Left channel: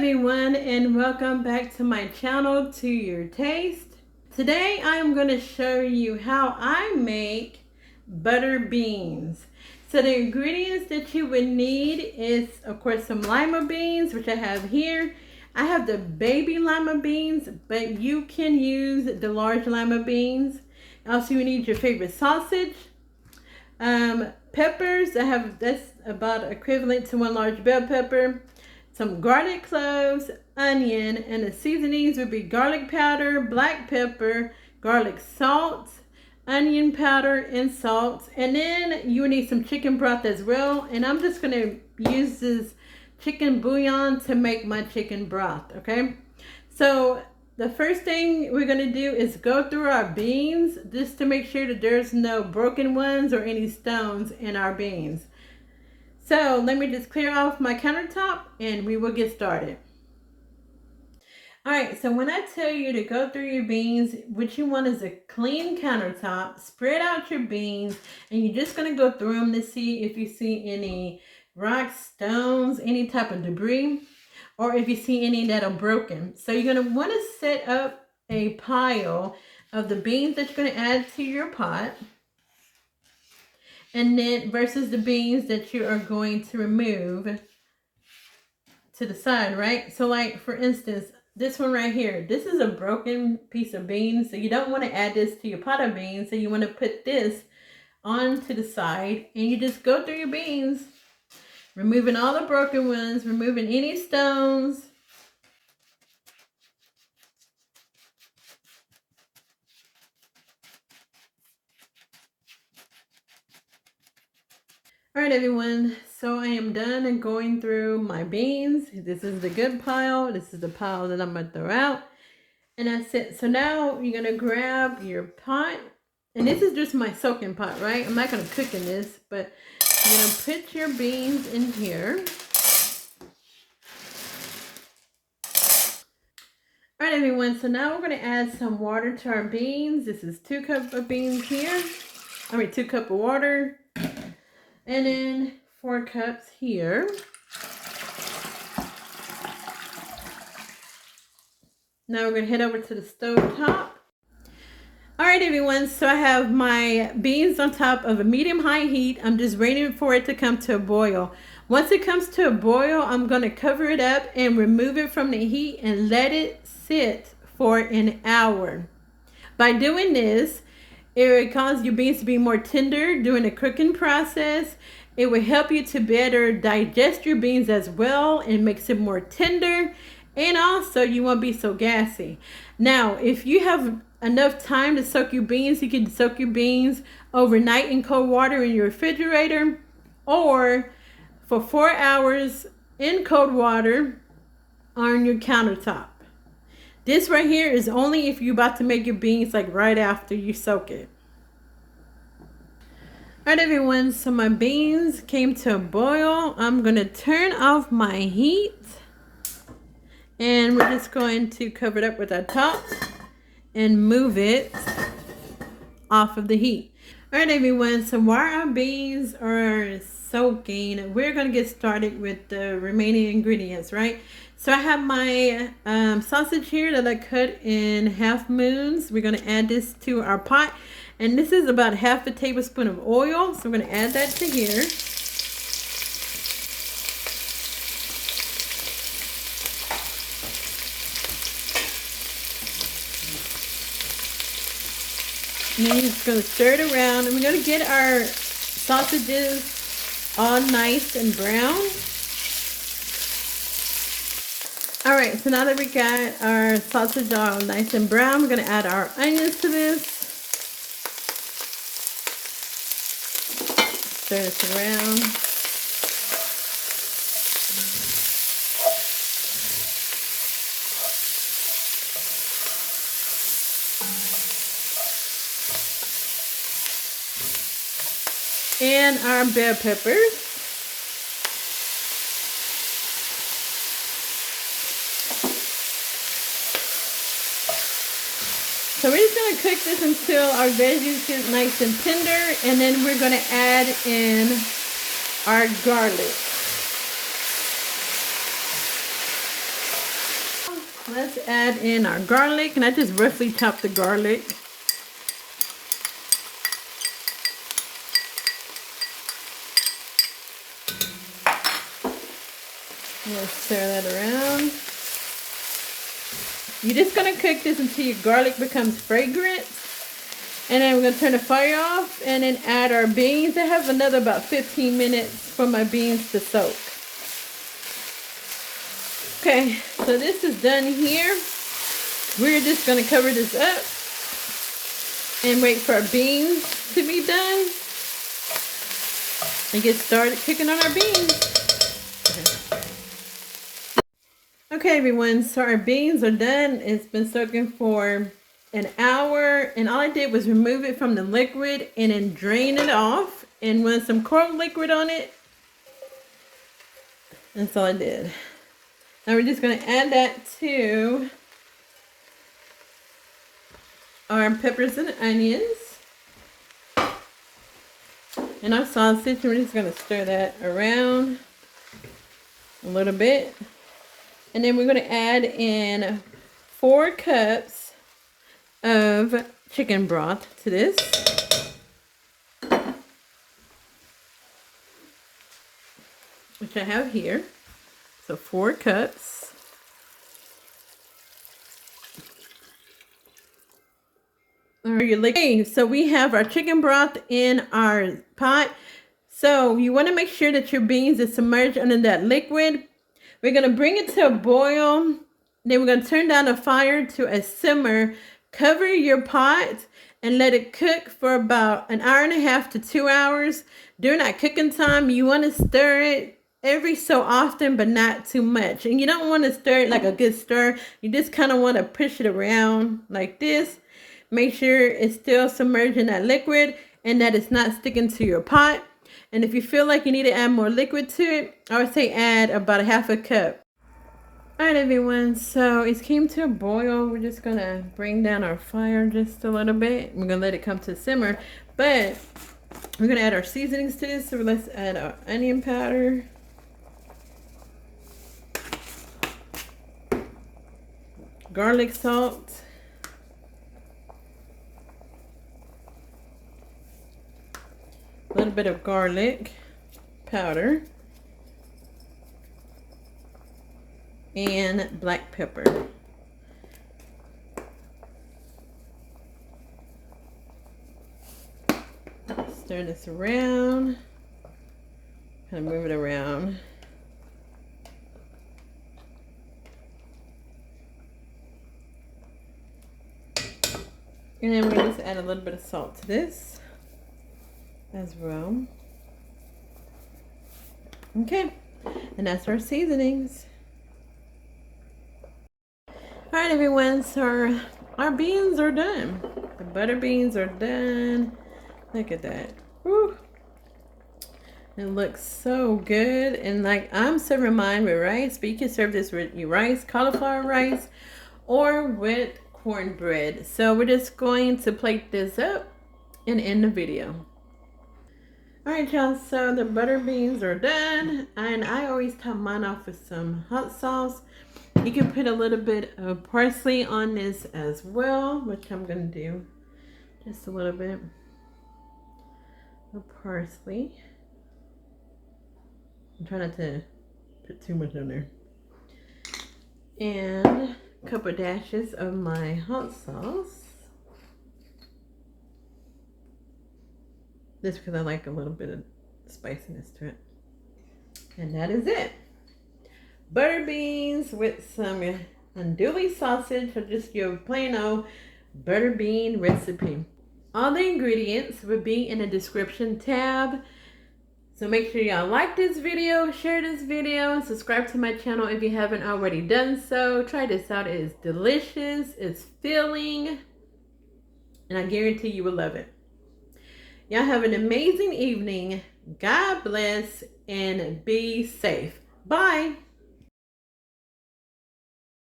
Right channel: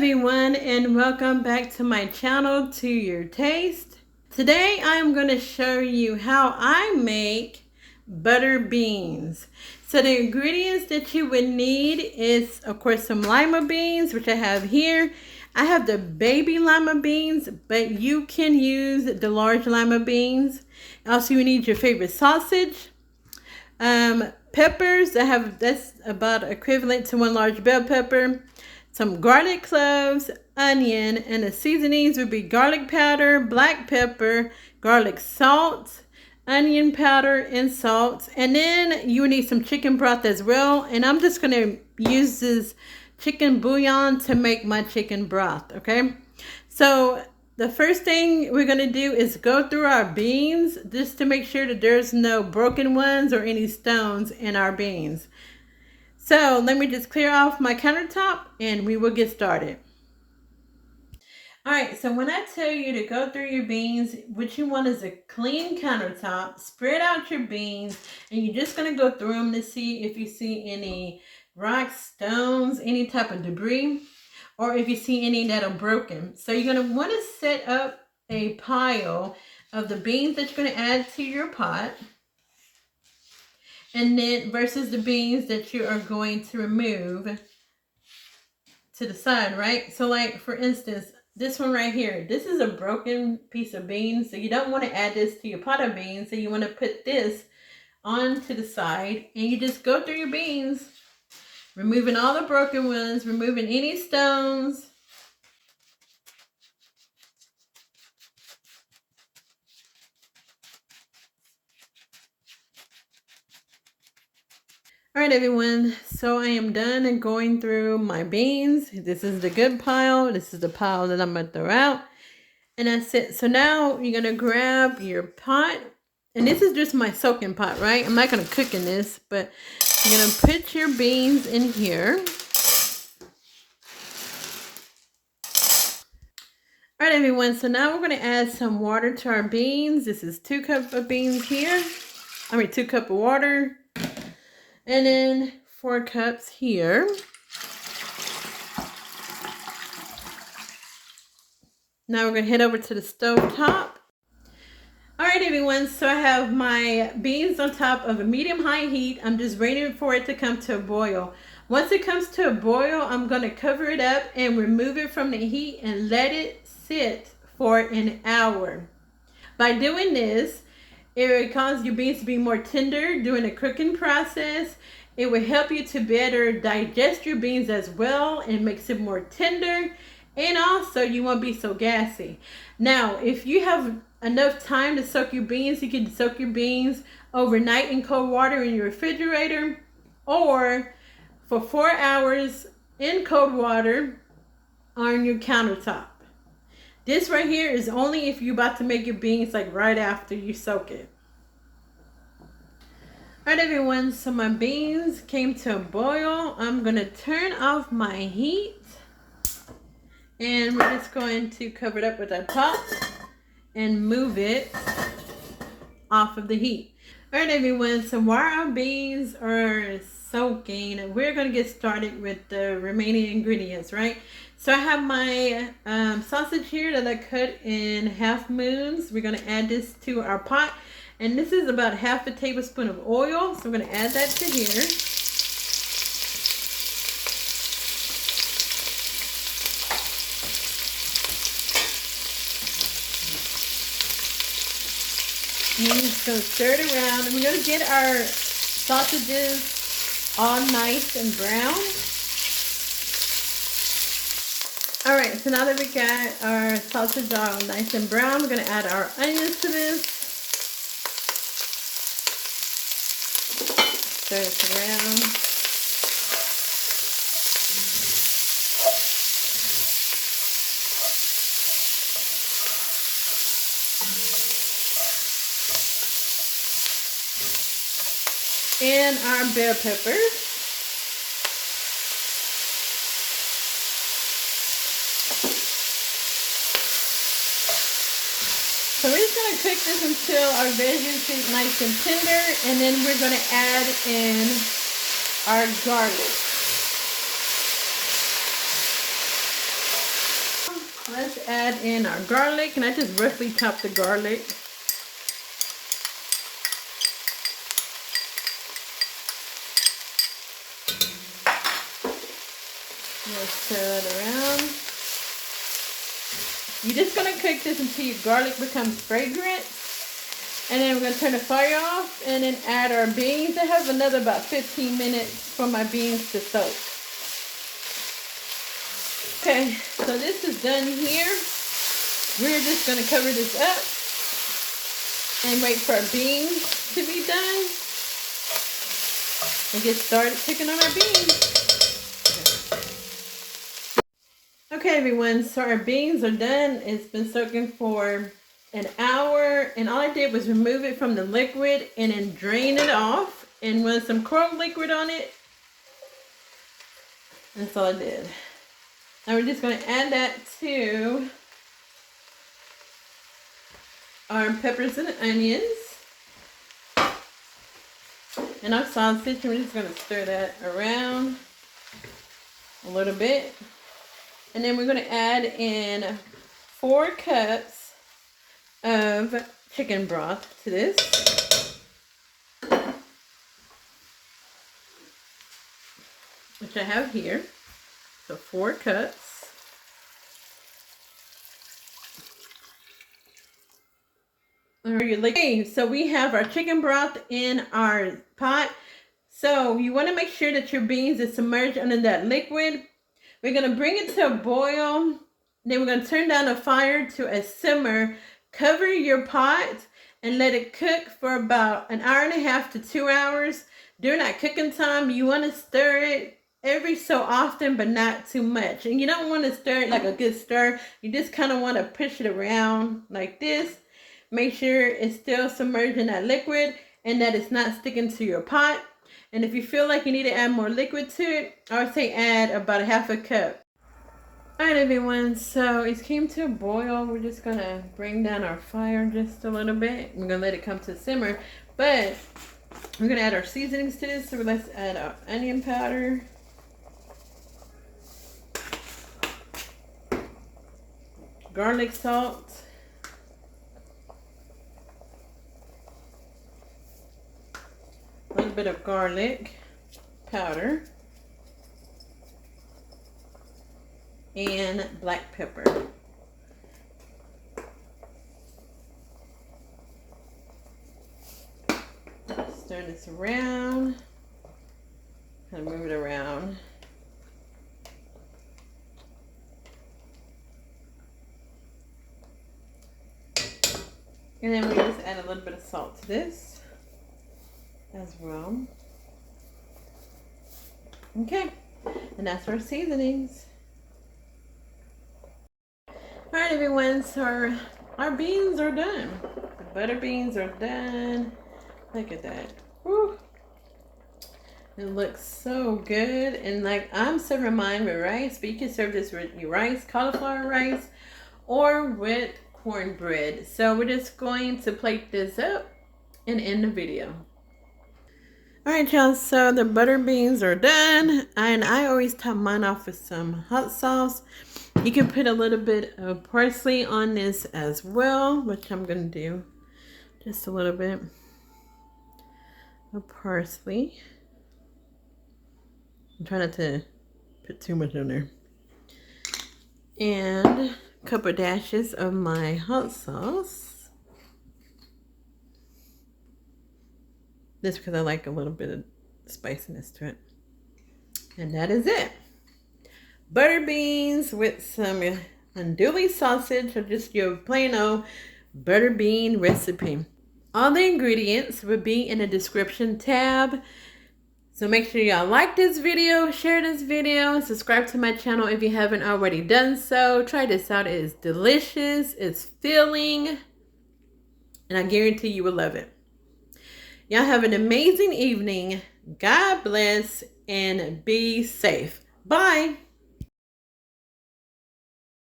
everyone, and welcome back to my channel, To Your Taste. Today I'm going to show you how I make butter beans. So the ingredients that you would need is, of course, some lima beans, which I have here. I have the baby lima beans, but you can use the large lima beans. Also, you need your favorite sausage. Peppers, that's about equivalent to one large bell pepper. Some garlic cloves, onion, and the seasonings would be garlic powder, black pepper, garlic salt, onion powder, and salt. And then you need some chicken broth as well. And I'm just going to use this chicken bouillon to make my chicken broth, okay? So the first thing we're going to do is go through our beans just to make sure that there's no broken ones or any stones in our beans. So let me just clear off my countertop and we will get started. All right, so when I tell you to go through your beans, what you want is a clean countertop. Spread out your beans and you're just going to go through them to see if you see any rocks, stones, any type of debris, or if you see any that are broken. So you're going to want to set up a pile of the beans that you're going to add to your pot. And then versus the beans that you are going to remove to the side, right? So like, for instance, this one right here, this is a broken piece of beans. So you don't want to add this to your pot of beans. So you want to put this on to the side and you just go through your beans, removing all the broken ones, removing any stones. All right, everyone, so I am done and going through my beans. This is the good pile. This is the pile that I'm going to throw out. And that's it. So now you're going to grab your pot. And this is just my soaking pot, right? I'm not going to cook in this, but you're going to put your beans in here. All right, everyone, so now we're going to add some water to our beans. This is 2 cups of beans here. 2 cups of water. And then 4 cups here. Now we're going to head over to the stove top. All right, everyone. So I have my beans on top of a medium-high heat. I'm just waiting for it to come to a boil. Once it comes to a boil, I'm going to cover it up and remove it from the heat and let it sit for an hour. By doing this, it will cause your beans to be more tender during the cooking process. It will help you to better digest your beans as well and makes it more tender. And also you won't be so gassy. Now, if you have enough time to soak your beans, you can soak your beans overnight in cold water in your refrigerator or for 4 hours in cold water on your countertop. This right here is only if you're about to make your beans like right after you soak it. All right, everyone, so my beans came to a boil. I'm going to turn off my heat. And we're just going to cover it up with our top and move it off of the heat. All right, everyone, so while our beans are soaking, we're going to get started with the remaining ingredients, right? So I have my sausage here that I cut in half moons. We're going to add this to our pot. And this is about half a tablespoon of oil. So we're going to add that to here. And then just going to stir it around. And we're going to get our sausages all nice and brown. All right, so now that we got our sausage all nice and brown, we're going to add our onions to this. Stir it around. And our bell peppers. So we're just going to cook this until our veggies get nice and tender, and then we're going to add in our garlic. Let's add in our garlic, and I just roughly chop the garlic. Let's stir that around. You're just going to cook this until your garlic becomes fragrant. And then we're going to turn the fire off and then add our beans. I have another about 15 minutes for my beans to soak. Okay, so this is done here. We're just going to cover this up and wait for our beans to be done. And get started cooking on our beans. Okay everyone, so our beans are done. It's been soaking for an hour, and all I did was remove it from the liquid and then drain it off and run some chlove liquid on it. That's all I did. Now we're just going to add that to our peppers and onions and our sausage. We're just going to stir that around a little bit. And then we're going to add in 4 cups of chicken broth to this. Which I have here. So 4 cups. Okay, so we have our chicken broth in our pot. So you want to make sure that your beans are submerged under that liquid. We're going to bring it to a boil. Then we're going to turn down the fire to a simmer. Cover your pot and let it cook for about 1.5 hours to 2 hours. During that cooking time, you want to stir it every so often, but not too much. And you don't want to stir it like a good stir. You just kind of want to push it around like this. Make sure it's still submerged in that liquid and that it's not sticking to your pot. And if you feel like you need to add more liquid to it, I would say add about 1/2 cup. Alright everyone, so it came to a boil. We're just going to bring down our fire just a little bit. We're going to let it come to simmer. But we're going to add our seasonings to this. So let's add our onion powder. Garlic salt. A little bit of garlic powder. And black pepper. Stir this around. Kind of move it around. And then we just add a little bit of salt to this as well. Okay, and that's our seasonings. Alright everyone, so our beans are done. The butter beans are done. Look at that. Woo. It looks so good. And like I'm serving mine with rice, but you can serve this with your rice, cauliflower rice, or with cornbread. So we're just going to plate this up and end the video. Alright y'all, so the butter beans are done. And I always top mine off with some hot sauce. You can put a little bit of parsley on this as well, which I'm going to do. Just a little bit of parsley. I'm trying not to put too much on there. And a couple of dashes of my hot sauce. Just because I like a little bit of spiciness to it. And that is it. Butter beans with some andouille sausage, or just your plain old butter bean recipe. All the ingredients will be in the description tab. So make sure y'all like this video, share this video, subscribe to my channel if you haven't already done so. Try this out. It is delicious, it's filling, and I guarantee you will love it. Y'all have an amazing evening. God bless and be safe. Bye.